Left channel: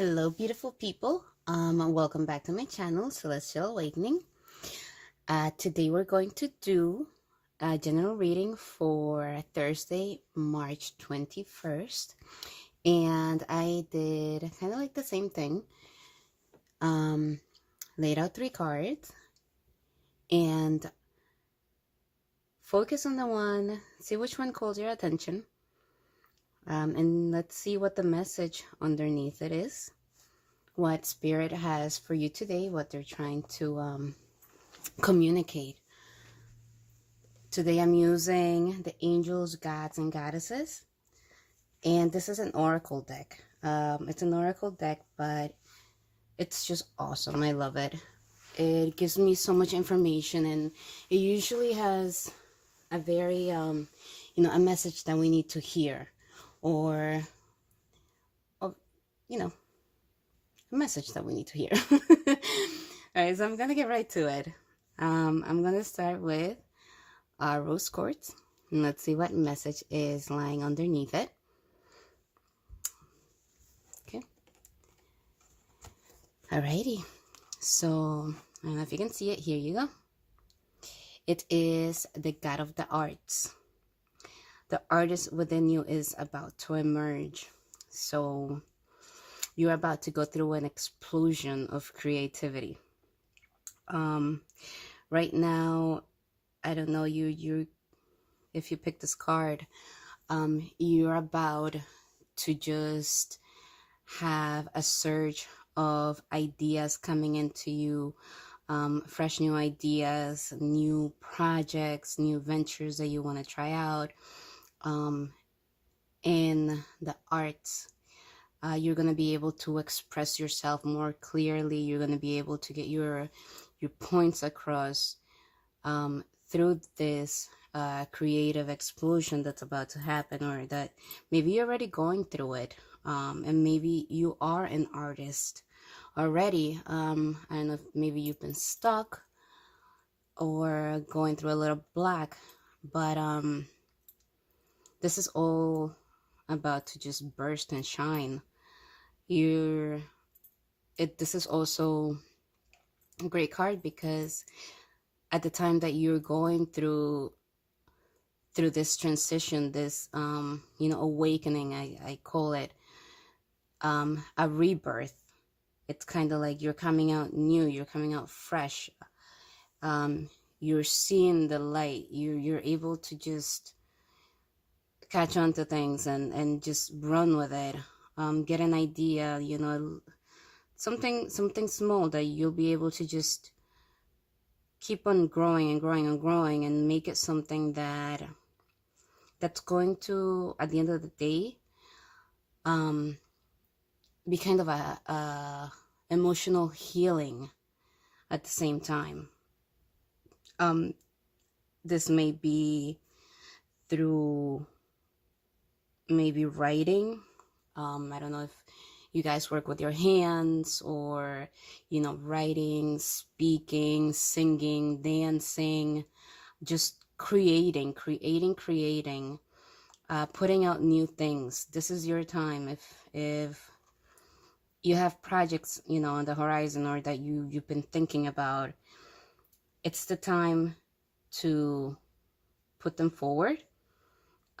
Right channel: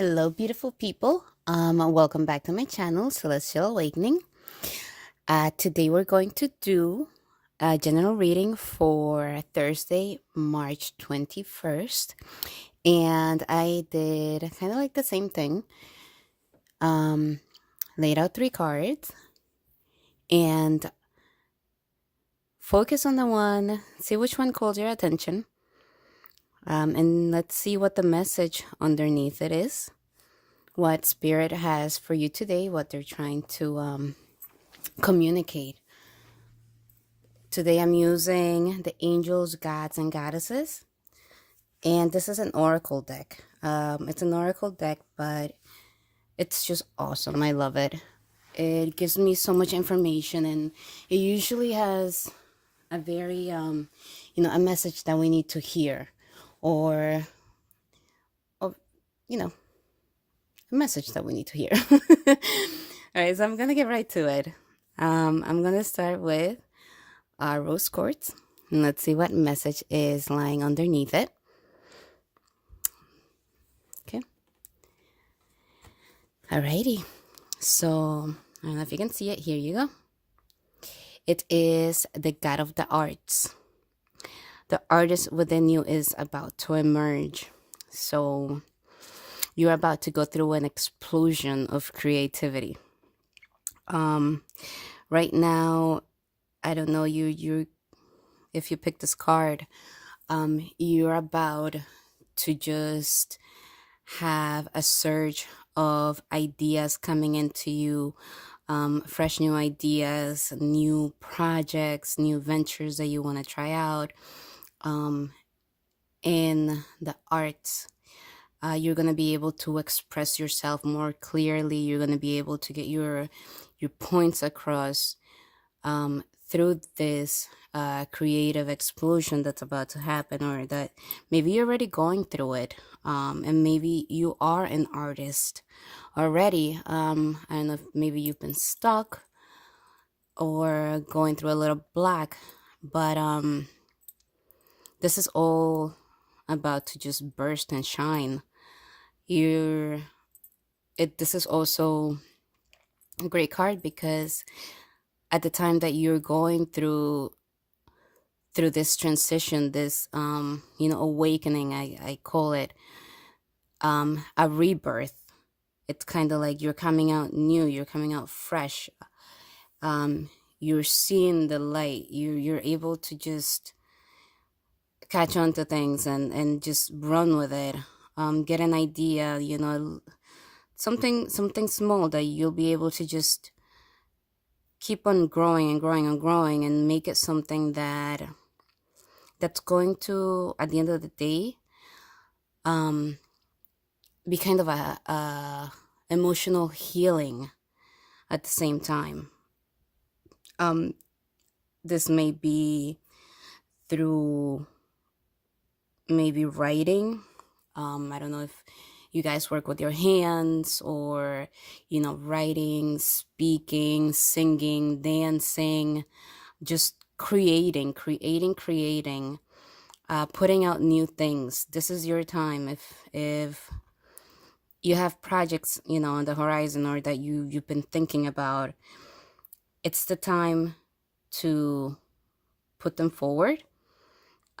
Hello, beautiful people. Welcome back to my channel, Celestial Awakening. Today we're going to do a general reading for Thursday, March 21st. And I did kind of like the same thing. Laid out 3 cards and focus on the one, see which one calls your attention. And let's see what the message underneath it is. What Spirit has for you today, what they're trying to communicate. Today I'm using the angels, gods, and goddesses. And this is an oracle deck. It's an oracle deck, but it's just awesome. I love it. It gives me so much information, and it usually has a very, a message that we need to hear, or a message that we need to hear. All right, so I'm gonna get right to it. I'm gonna start with rose quartz, and let's see what message is lying underneath it. Okay. Alrighty. So I don't know if you can see it. Here you go. It is the God of the arts. The artist within you is about to emerge. So you're about to go through an explosion of creativity. Right now, I don't know, you if you pick this card, you're about to just have a surge of ideas coming into you, fresh new ideas, new projects, new ventures that you want to try out. In the arts, you're going to be able to express yourself more clearly. You're going to be able to get your points across through this creative explosion that's about to happen, or that maybe you're already going through it, and maybe you are an artist already. I don't know if maybe you've been stuck or going through a little black, but this is all about to just burst and shine. This is also a great card because at the time that you're going through this transition, this awakening, I call it a rebirth. It's kind of like you're coming out new, you're coming out fresh. You're seeing the light. You're able to just catch on to things and just run with it. Get an idea, something small that you'll be able to just keep on growing and growing and growing, and make it something that's going to, at the end of the day, be kind of a emotional healing at the same time. This may be through maybe writing. I don't know if you guys work with your hands, or writing, speaking, singing, dancing, just creating, putting out new things. This is your time. If you have projects on the horizon, or that you've been thinking about, it's the time to put them forward.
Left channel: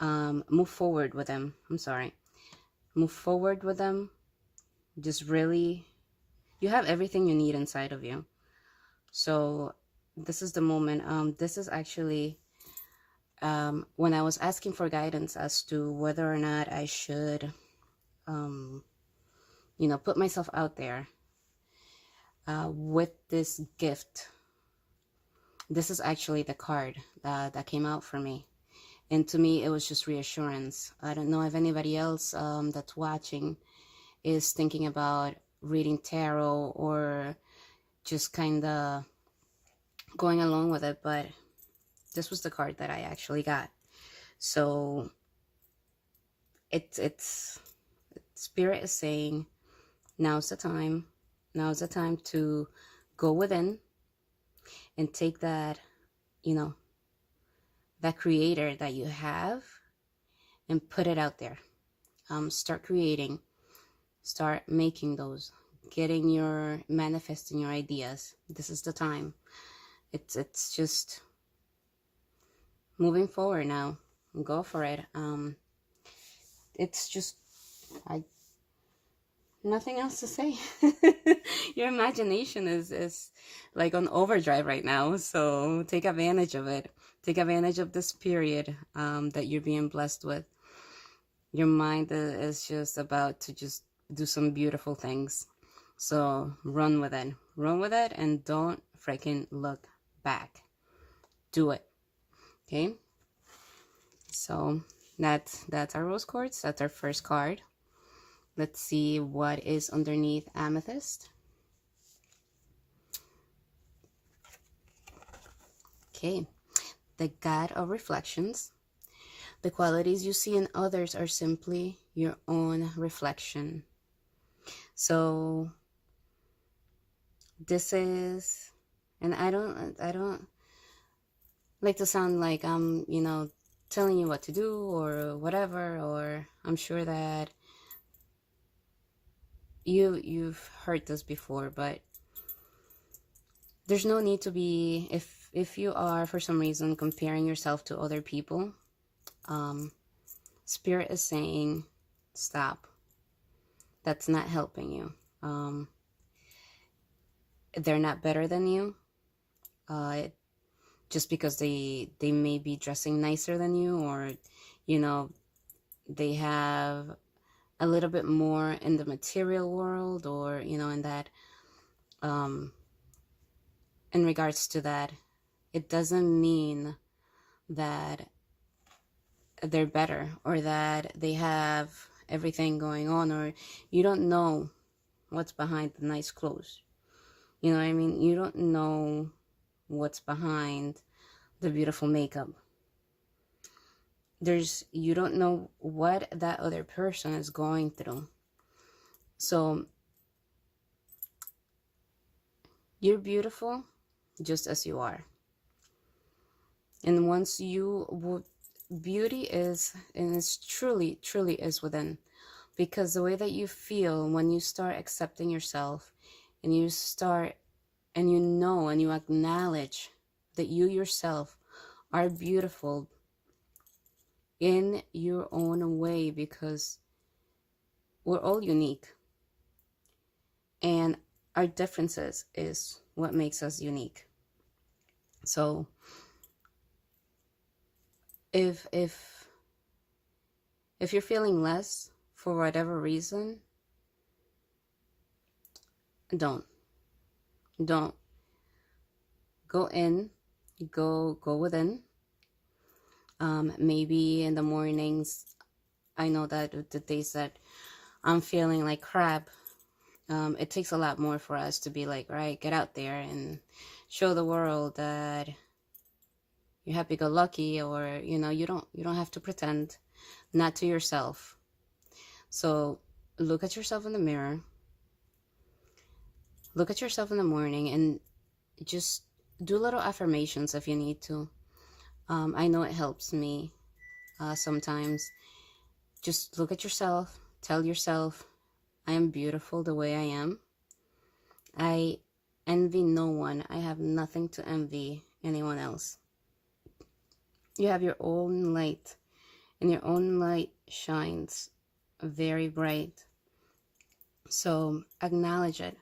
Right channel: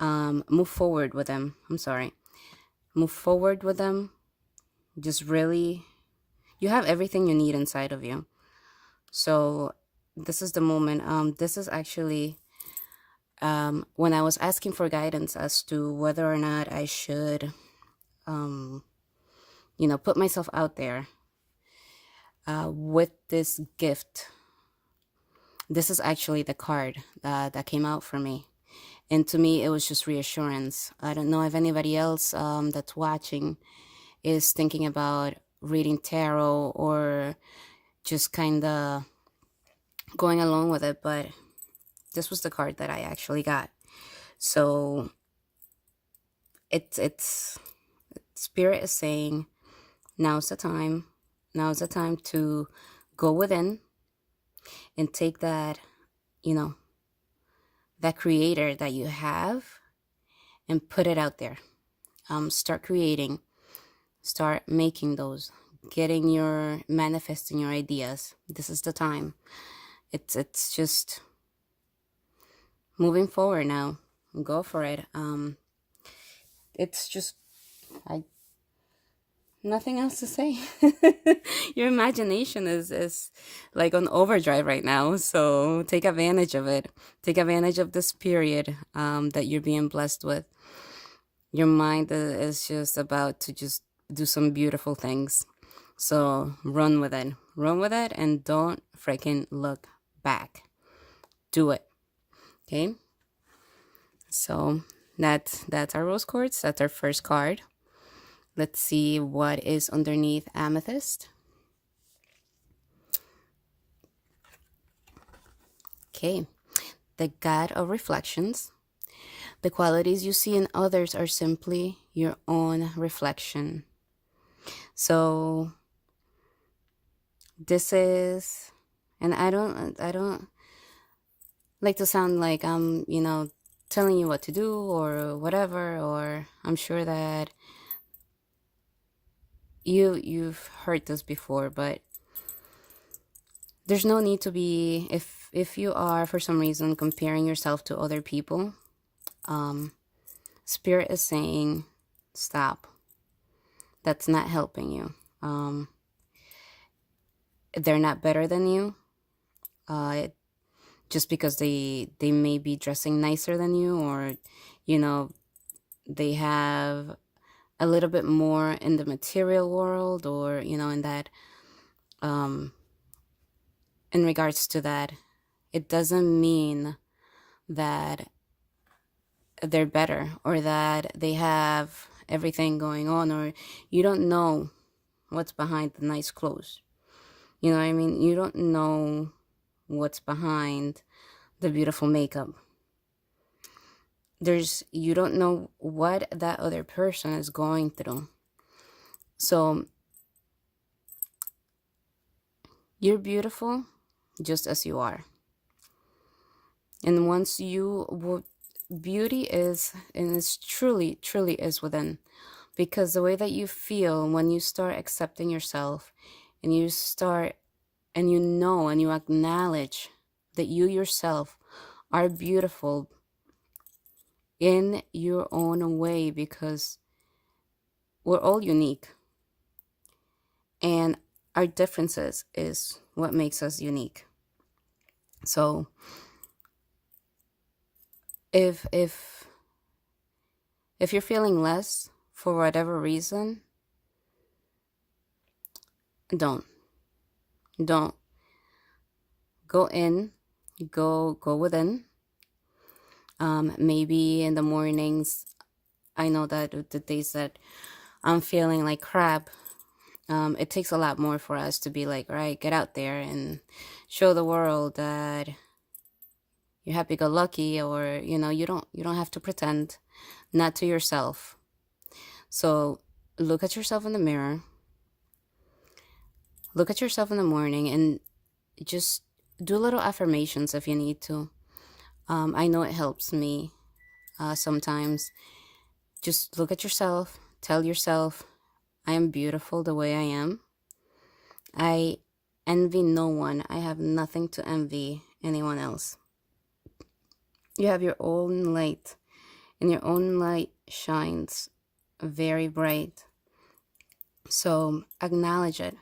Move forward with them. Move forward with them. Just really, you have everything you need inside of you. So this is the moment. This is actually when I was asking for guidance as to whether or not I should put myself out there with this gift. This is actually the card that came out for me. And to me, it was just reassurance. I don't know if anybody else that's watching is thinking about reading tarot, or just kind of going along with it, but this was the card that I actually got. So it's Spirit is saying, now's the time. Now's the time to go within and take that, that creator that you have, and put it out there. Start creating. Start making those, manifesting your ideas. This is the time. It's just moving forward now. Go for it. It's just, I nothing else to say. Your imagination is like on overdrive right now, so take advantage of it. Take advantage of this period that you're being blessed with. Your mind is just about to just do some beautiful things. So run with it. Run with it and don't freaking look back. Do it. Okay? So that's our rose quartz. That's our first card. Let's see what is underneath amethyst. Okay. The God of reflections. The qualities you see in others are simply your own reflection. So this is, and I don't like to sound like I'm, telling you what to do or whatever, or I'm sure that you've heard this before, but there's no need to be, if you are for some reason comparing yourself to other people, Spirit is saying stop. That's not helping you. They're not better than you. Just because they may be dressing nicer than you, or they have a little bit more in the material world, or in that in regards to that, it doesn't mean that they're better or that they have everything going on, or you don't know what's behind the nice clothes. You know what I mean? You don't know what's behind the beautiful makeup. You don't know what that other person is going through. So you're beautiful just as you are. And once beauty is, and it's truly is within, because the way that you feel when you start accepting yourself, and you start, and and you acknowledge that you yourself are beautiful in your own way, because we're all unique, and our differences is what makes us unique. So if you're feeling less for whatever reason, don't go in, go within. Maybe in the mornings, I know that the days that I'm feeling like crap, it takes a lot more for us to be like, right, get out there and show the world that you're happy-go-lucky, or you don't have to pretend, not to yourself. So look at yourself in the mirror, look at yourself in the morning, and just do little affirmations if you need to. I know it helps me sometimes. Just look at yourself, tell yourself, I am beautiful the way I am. I envy no one. I have nothing to envy anyone else. You have your own light, and your own light shines very bright. So acknowledge it.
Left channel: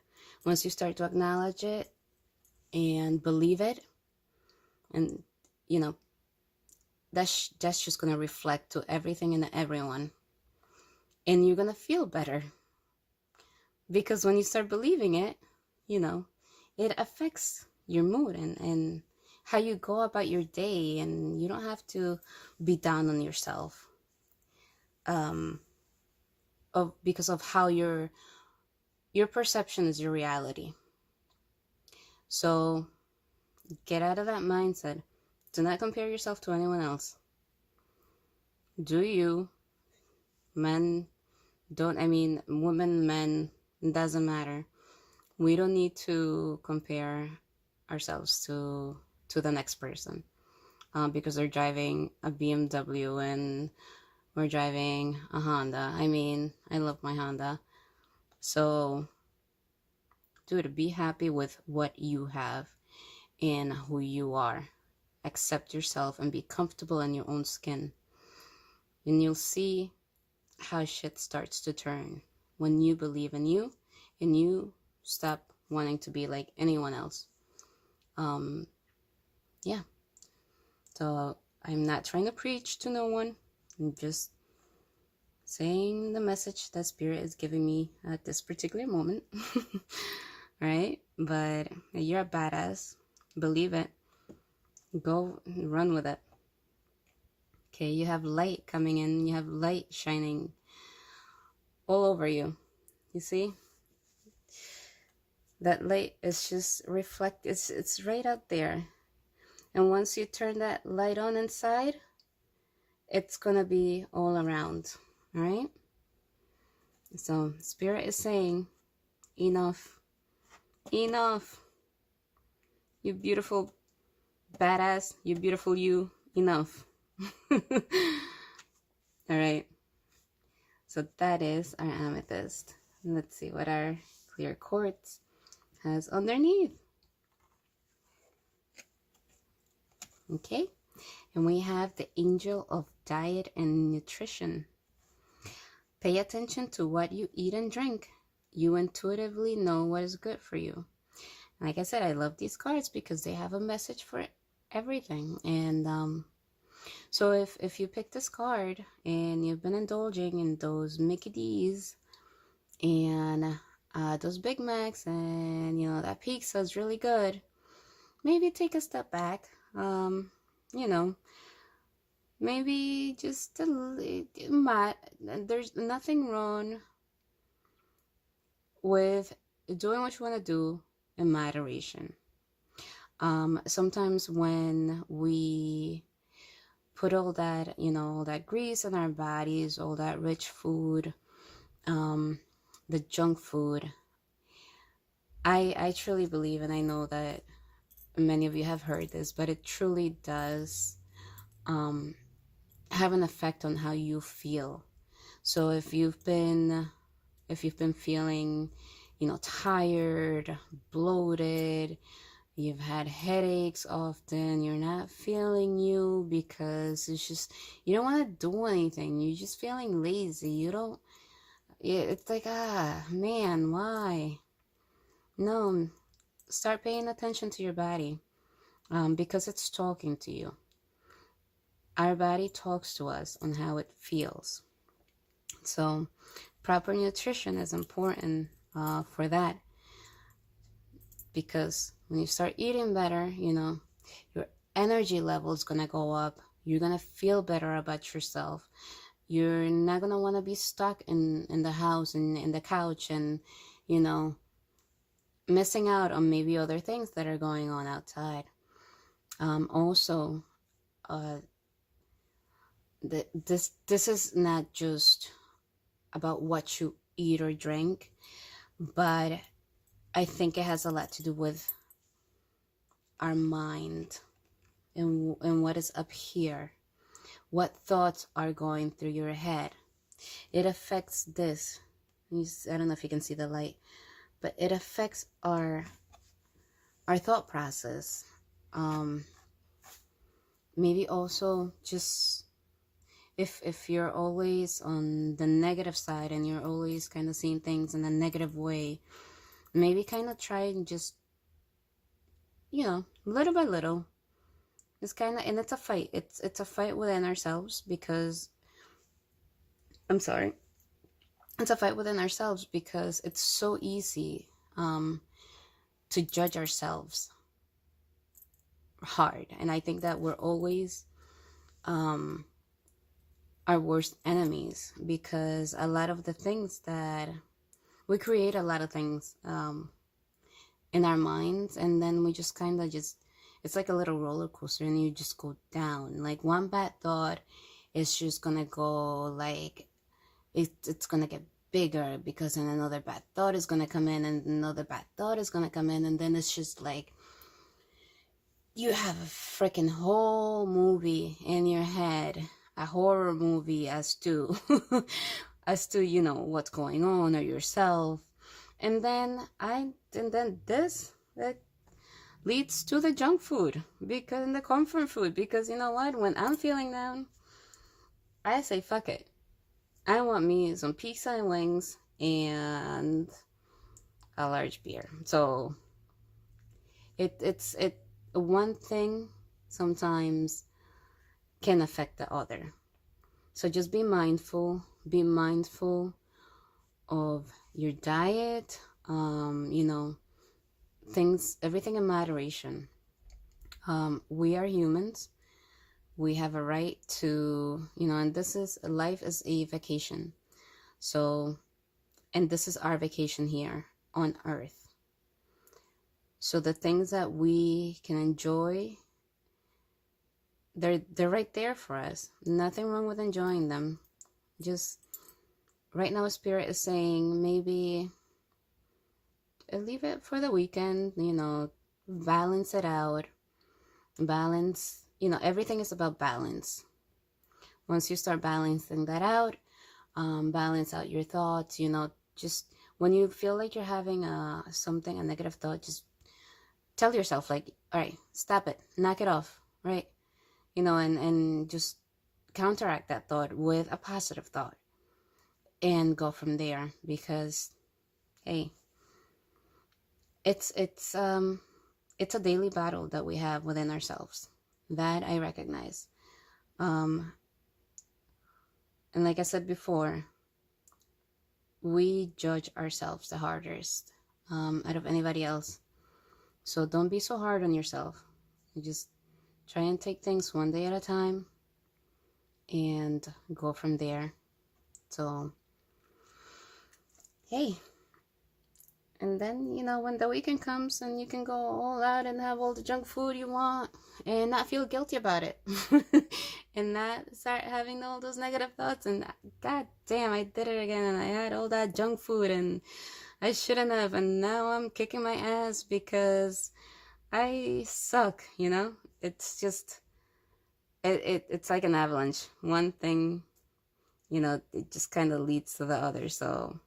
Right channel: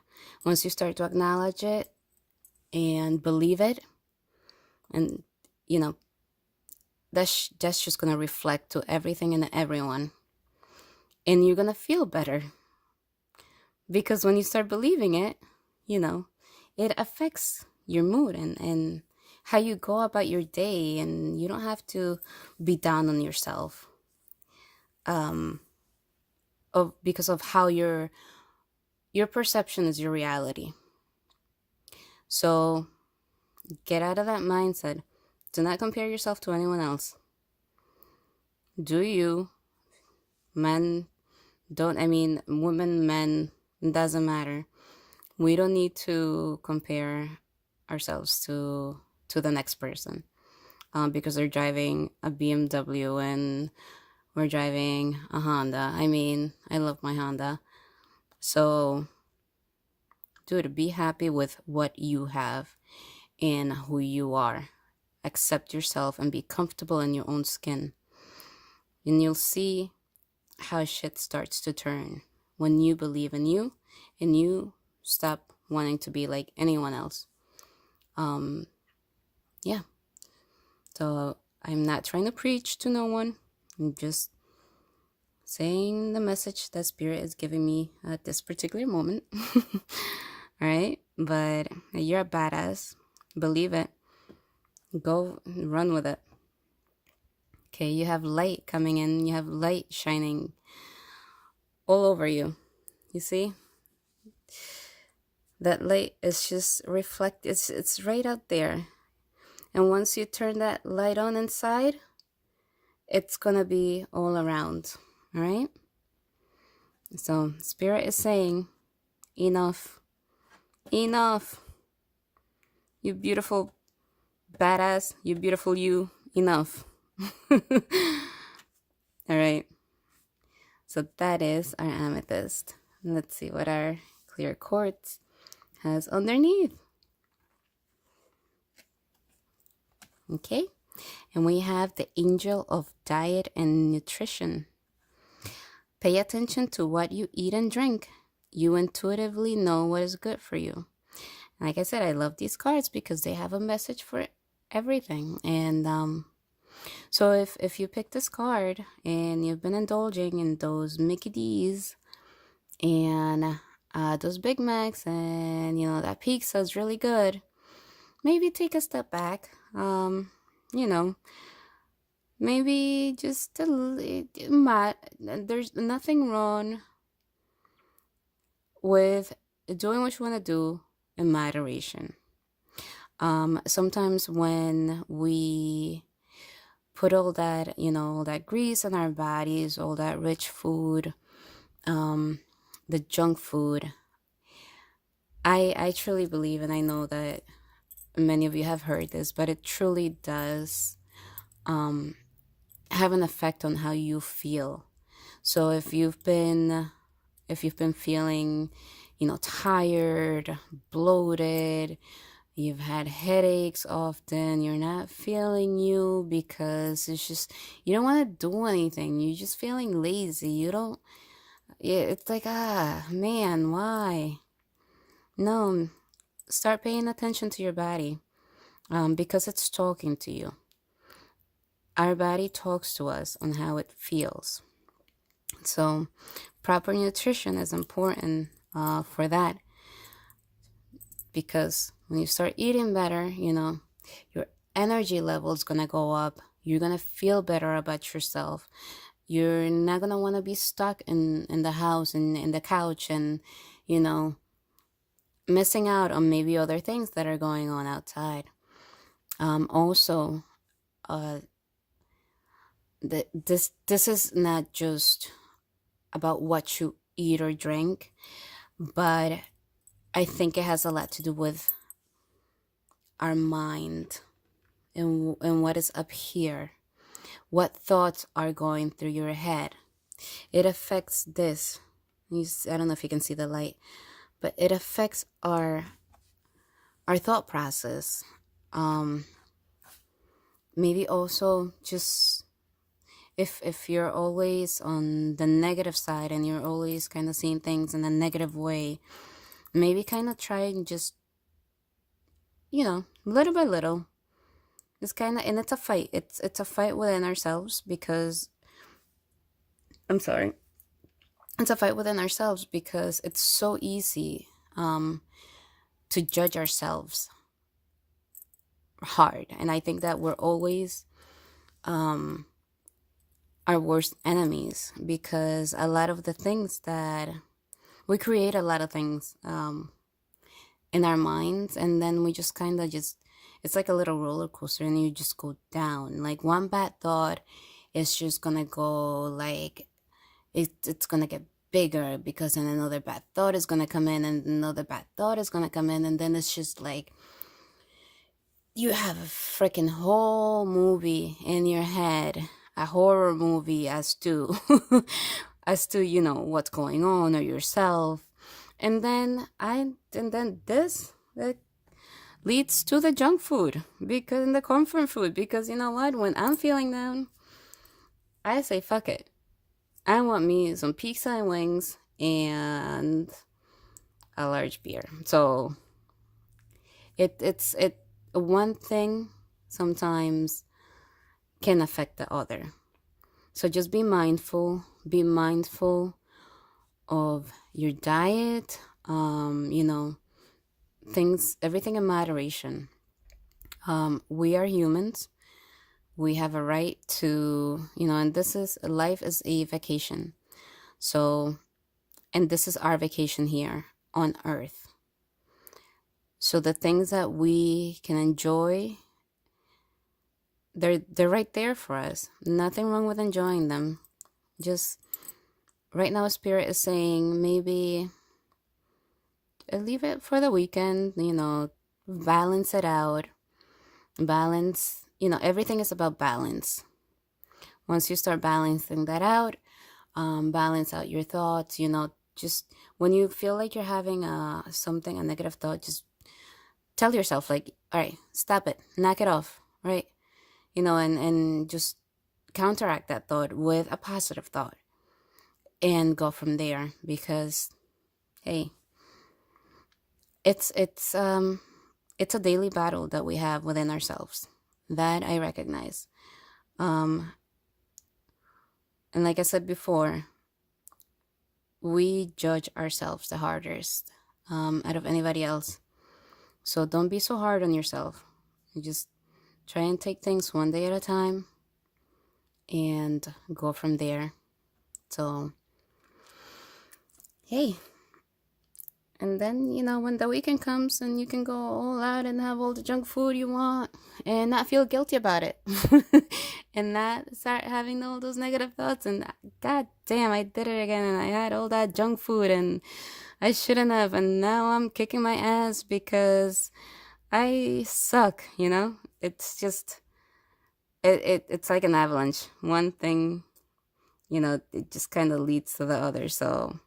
Once you start to acknowledge it and believe it, and that's just going to reflect to everything and everyone, and you're going to feel better, because when you start believing it, it affects your mood and how you go about your day, and you don't have to be down on yourself because of how your perception is your reality. So get out of that mindset. Do not compare yourself to anyone else. Do you. Men don't, women, men, doesn't matter. We don't need to compare ourselves to the next person because they're driving a BMW and we're driving a Honda. I love my Honda, So, dude, be happy with what you have and who you are. Accept yourself and be comfortable in your own skin. And you'll see how shit starts to turn when you believe in you and you stop wanting to be like anyone else. Um, yeah. So I'm not trying to preach to no one. I'm just saying the message that Spirit is giving me at this particular moment. All right. But you're a badass. Believe it. Go run with it. Okay. You have light coming in. You have light shining all over you. You see? That light is just reflect. It's right out there. And once you turn that light on inside, it's gonna be all around. All right. So Spirit is saying, enough, enough. You beautiful badass. You beautiful you. Enough. All right. So that is our amethyst. Let's see what our clear quartz has underneath. Okay. And we have the angel of diet and nutrition. Pay attention to what you eat and drink. You intuitively know what is good for you. Like I said, I love these cards because they have a message for everything. And so if you pick this card and you've been indulging in those Mickey D's and those Big Macs and, you know, that pizza is really good, maybe take a step back. You know, maybe just there's nothing wrong with doing what you want to do in moderation. Sometimes when we put all that, you know, all that grease in our bodies, all that rich food, the junk food, I truly believe, and I know that many of you have heard this, but it truly does have an effect on how you feel. So if you've been feeling, you know, tired, bloated, you've had headaches often, you're not feeling you because it's just, you don't want to do anything. You're just feeling lazy. You don't, yeah, it's like, man, why? No, start paying attention to your body because it's talking to you. Our body talks to us on how it feels. So proper nutrition is important for that, because when you start eating better, you know, your energy level is going to go up. You're going to feel better about yourself. You're not going to want to be stuck in the house and in the couch and, you know, missing out on maybe other things that are going on outside. Also, this is not just about what you eat or drink, but I think it has a lot to do with our mind and what is up here, what thoughts are going through your head. It affects this. I don't know if you can see the light, but it affects our thought process. Maybe also just if you're always on the negative side and you're always kind of seeing things in a negative way, maybe kind of try and just, you know, little by little. It's kind of, and it's a fight. It's a fight within ourselves because, I'm sorry. It's a fight within ourselves because it's so easy to judge ourselves hard. And I think that we're always our worst enemies, because a lot of the things that we create, a lot of things in our minds, and then we just kind of just, it's like a little roller coaster and you just go down. Like one bad thought is just gonna go like it's gonna get bigger, because then another bad thought is gonna come in and another bad thought is gonna come in, and then it's just like you have a freaking whole movie in your head, a horror movie as to as to, you know, what's going on or yourself. And then this that leads to the junk food, because the comfort food, because you know what, when I'm feeling down, I say fuck it, I want me some pizza and wings and a large beer. So it one thing sometimes can affect the other. So just be mindful of your diet, you know, things, everything in moderation. We are humans. We have a right to, you know, and this is, life is a vacation. So, and this is our vacation here on Earth. So the things that we can enjoy, they're right there for us. Nothing wrong with enjoying them. Just right now, Spirit is saying maybe leave it for the weekend, you know, balance it out. Balance, you know, everything is about balance. Once you start balancing that out, balance out your thoughts, you know, just when you feel like you're having a negative thought, just tell yourself, like, all right, stop it, knock it off, right? You know, and just counteract that thought with a positive thought and go from there. Because hey, it's a daily battle that we have within ourselves, that I recognize. And like I said before, we judge ourselves the hardest out of anybody else. So don't be so hard on yourself. You just try and take things one day at a time and go from there. So hey, and then, you know, when the weekend comes and you can go all out and have all the junk food you want and not feel guilty about it. And not start having all those negative thoughts and god damn, I did it again and I had all that junk food and I shouldn't have, and now I'm kicking my ass because I suck, you know? It's just it's like an avalanche. One thing, you know, it just kind of leads to the other. So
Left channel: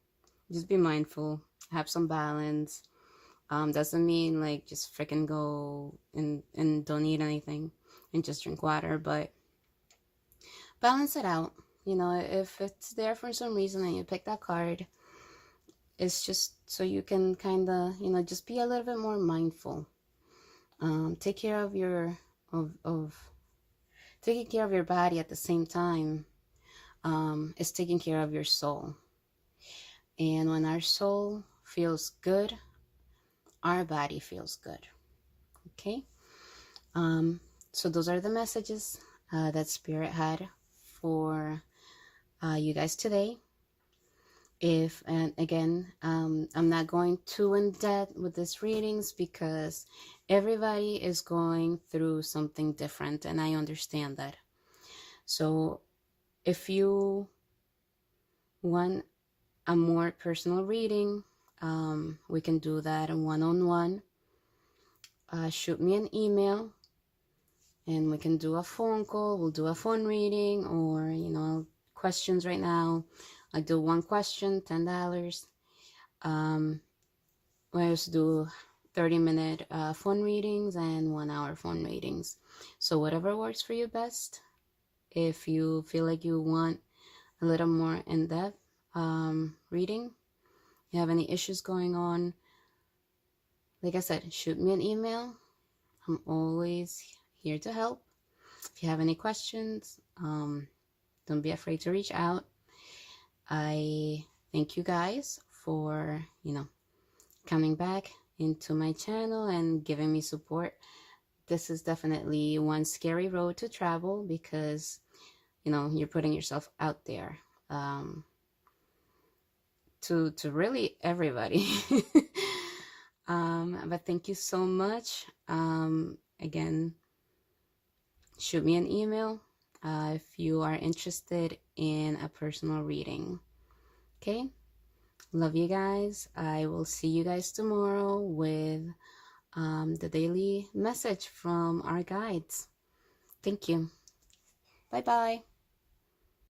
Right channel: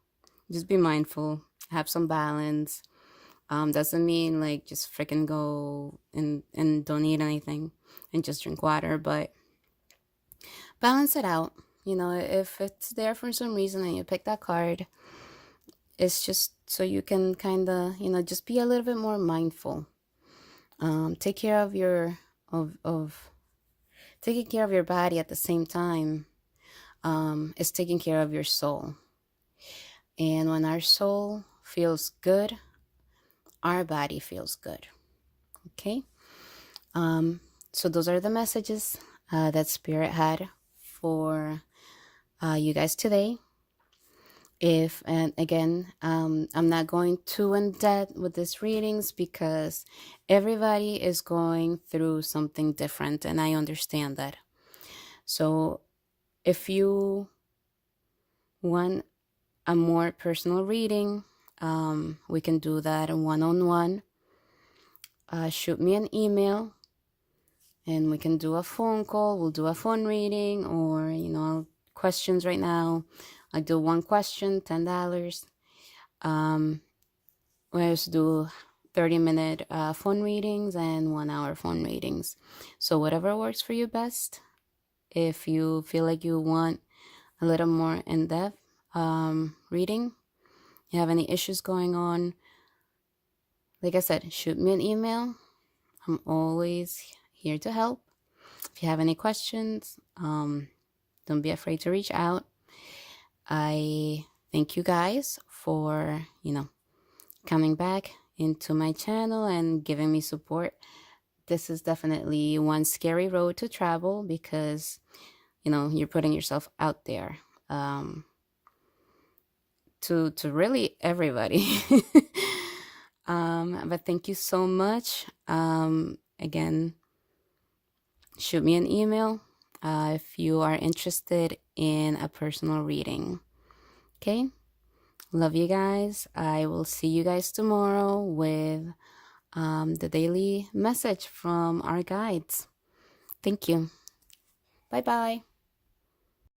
just be mindful, have some balance. Doesn't mean like just freaking go and don't eat anything and just drink water, but balance it out. You know, if it's there for some reason and you pick that card, it's just so you can kind of, you know, just be a little bit more mindful. Take care of your of taking care of your body at the same time is taking care of your soul. And when our soul feels good, our body feels good. Okay. So those are the messages that Spirit had for you guys today. And again, I'm not going too in depth with these readings because everybody is going through something different, and I understand that. So if you want a more personal reading, we can do that one-on-one. Shoot me an email and we can do a phone call. We'll do a phone reading, or, you know, questions right now. I do one question, $10. We also do 30-minute phone readings and 1-hour phone readings. So whatever works for you best. If you feel like you want a little more in-depth reading, you have any issues going on, like I said, shoot me an email. I'm always here to help. If you have any questions, don't be afraid to reach out. I thank you guys for, you know, coming back into my channel and giving me support. This is definitely one scary road to travel because, you know, you're putting yourself out there to really everybody. But thank you so much. Again, shoot me an email if you are interested in a personal reading. Okay? Love you guys. I will see you guys tomorrow with the daily message from our guides. Thank you. Bye-bye.